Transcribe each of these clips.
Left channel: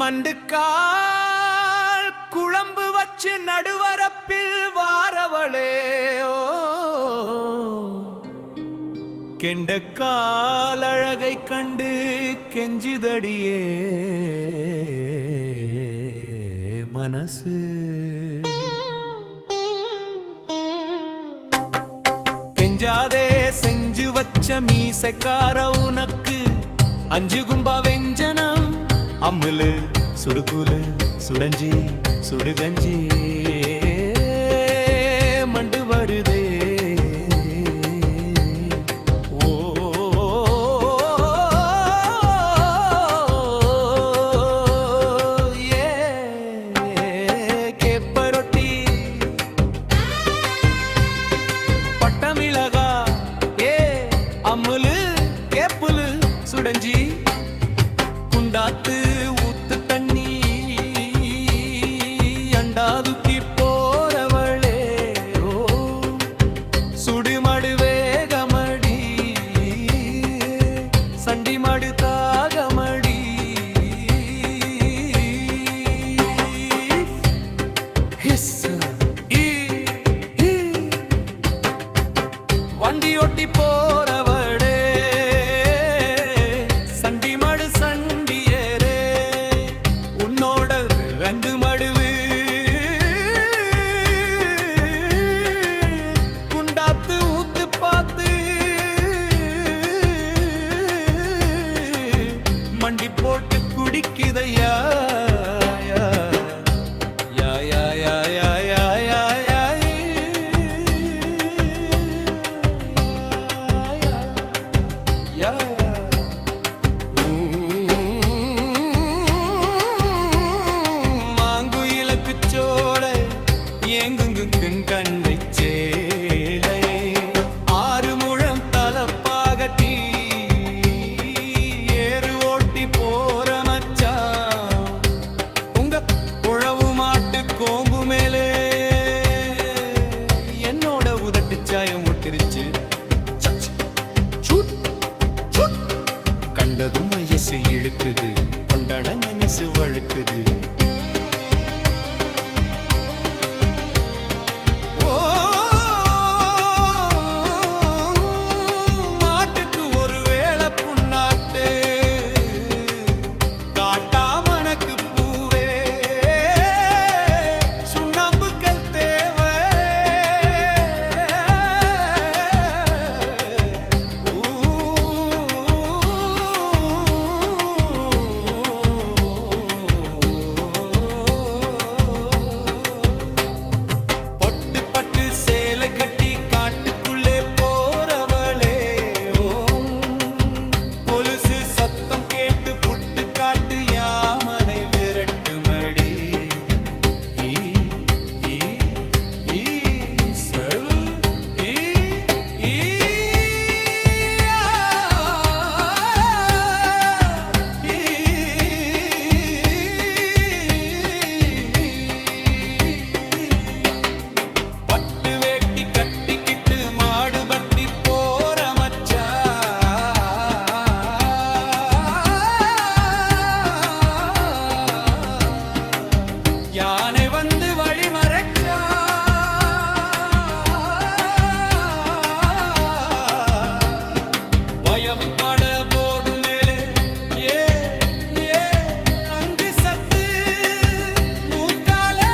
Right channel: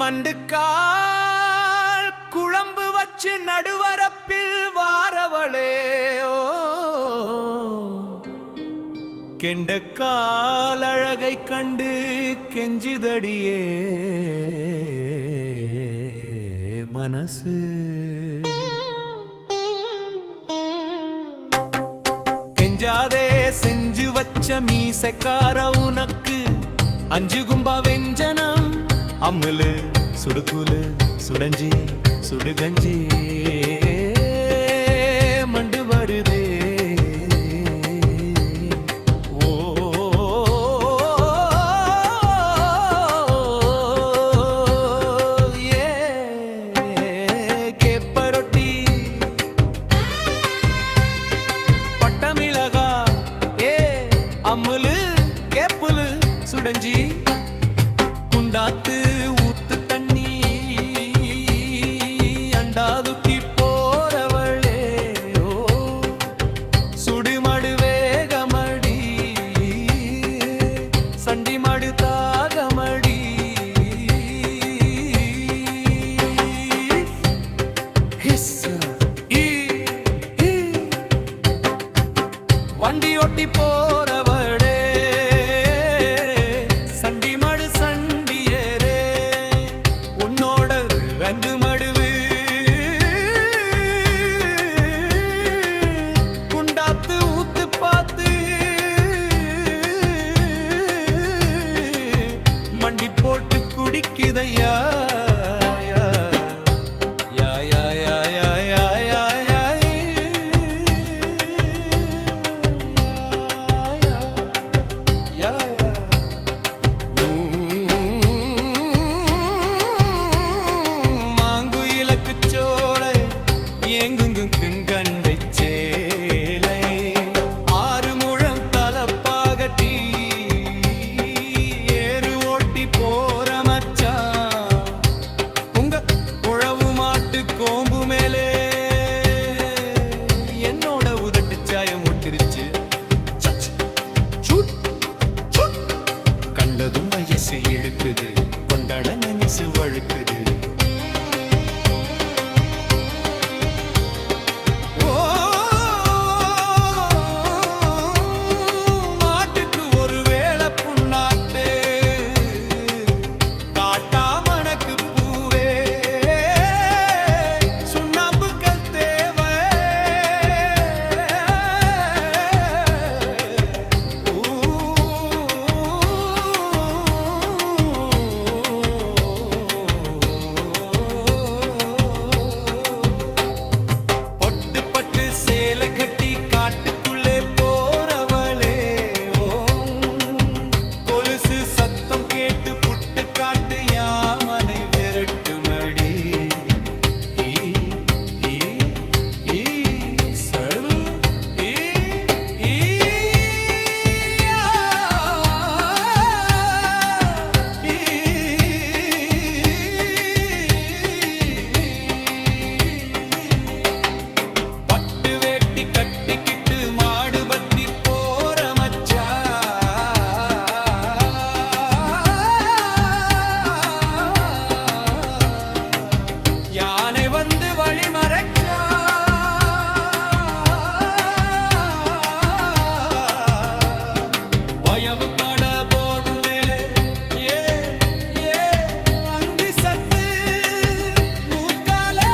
மண்டுக்கால் குழம்பு வச்சு நடுவரப்பில் வாரவளே கெண்டக்கால் அழகை கண்டு கெஞ்சுதடியே மனசு. கெஞ்சாதே செஞ்சு வச்ச மீசக்கார உனக்கு அஞ்சு கும்பா வெஞ்சனம் அம்முலு சுடுகுலு சுடஞ்சி சுடுகஞ்சி மண்டு வருதே. பட்டமிளகா அம்முலு கேப்புலு சுடஞ்சி குண்டாத்து ஊத்து தண்ணி அண்டாதுக்கி போறவளே சுடுமடு வேகமடி சண்டிமடு தாகமடி. வண்டி ஒட்டி போறவளே சண்டி மடு சண்டியரே உன்னோட ரெண்டு மடுவு குண்டாத்து ஊத்து பார்த்து மண்டி போட்டு குடிக்குதையா யா யா யா யா யா யா யா மாங்குயிலக்கு சோலை எங்குங்கும் கண்டை சேலை ஆறு முழம் தலப்பாகட்டி ஏறு ஓட்டி போற மச்சான் உங்க உழவு மாட்டு கோம்பு மேலே என்னோட உதட்டு சாயம் ஒட்டிருச்சு. கண்டதும் வயசு இழுக்குது கொண்டாட மனசு வழுக்குது. மாட்டுக்கு ஒரு வேளை புண்ணாட்டு காட்டாமணக்கு பூவே சுண்ணாம்புக்கள் தேவை. சேலை கட்டி காட்டுக்குள்ளே போறவளே கொலுசு சத்தம் கேட்டு புட்டு காட்டு யாமனை விரட்டுமடி. கட்டிக்கிட்டு மாடு பத்தி போற மச்சா யானை வந்து வழி மறைச்சா வயவு பட போர்வு மேலே ஏ ஏ அங்கு சத்து மூக்காலே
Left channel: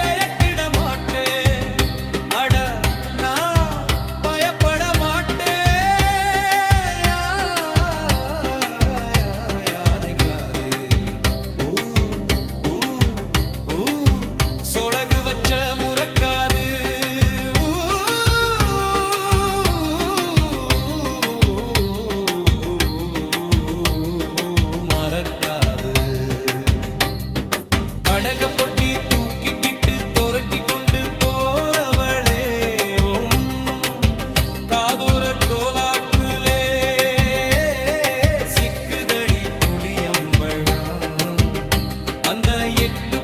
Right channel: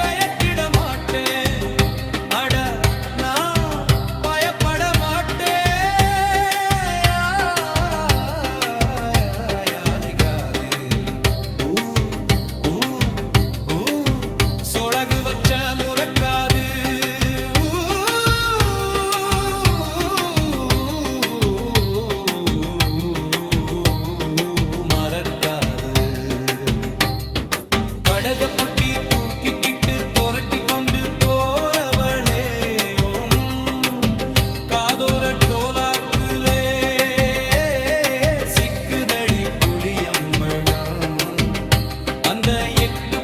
பயத்திட மாட்டே சொலகு வச்ச முறக்காது மறக்காது. கடக பொட்டி தூக்கிக்கிட்டு தொரட்டி கொண்டு போறவளே காதோர டோலாக்குலே சிக்குதடி புளியம்பழம் அந்த 8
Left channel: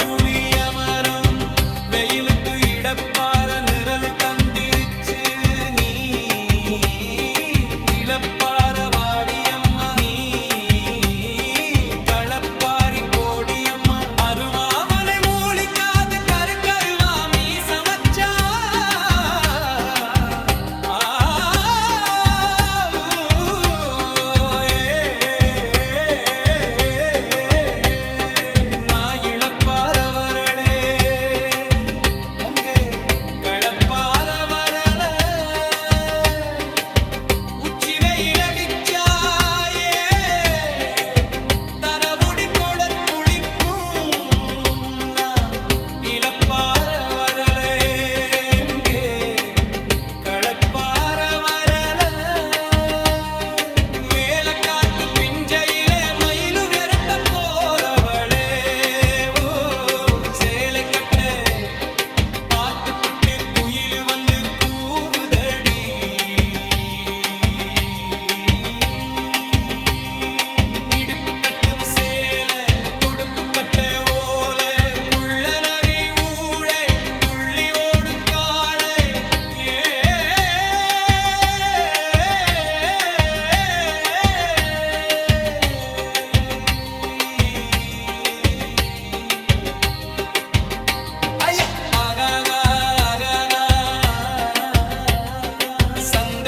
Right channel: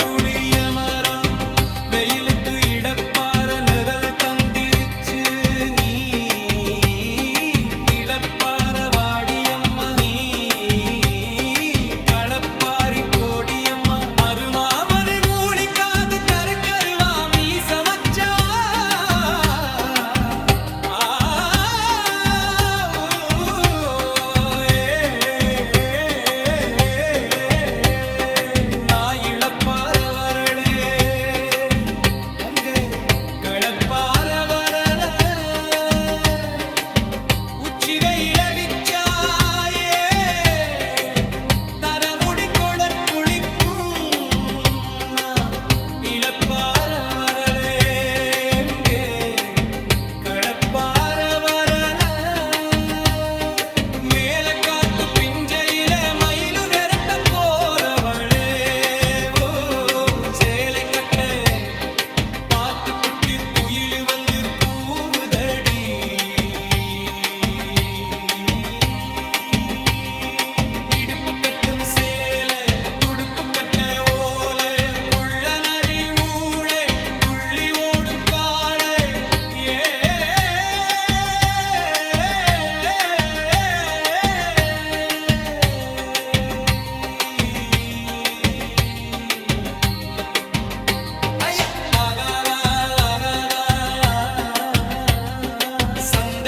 புளியமரம் வெயிலுக்கு இடப்பார நிழல் தந்திருச்சு நீ இழப்பார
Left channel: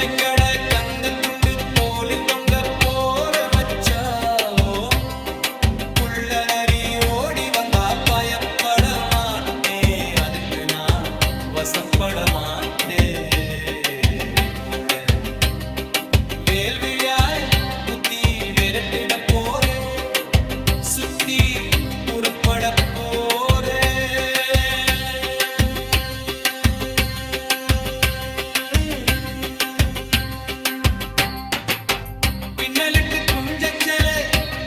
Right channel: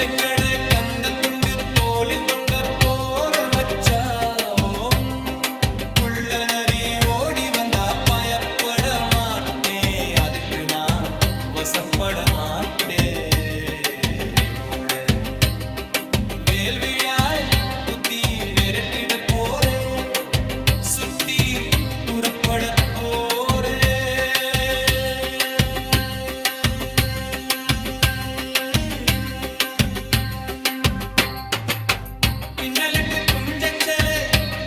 சந்தைக்கட கந்த துண்டு தோளில் தொங்க போற மச்சாம் புள்ள நரி ஓடி வந்தா பயப்பட மாட்டேன் அதுக்கு நான் வசப்பட மாட்டேன் வேல்விழியாலே குத்தி விரட்டிட போரே சுத்தி புறப்பட போரே பின்னலிட்டு குஞ்சச்சலே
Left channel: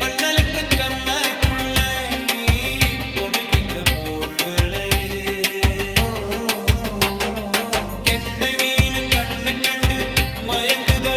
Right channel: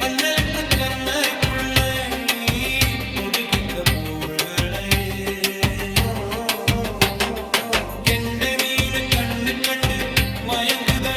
பண்ணலிட்டு கண்ணாய்க்குள்ள ஒதுக்கிட்ட போர்களை கெண்டை மீன் கண்ணு கண்டு மயங்குத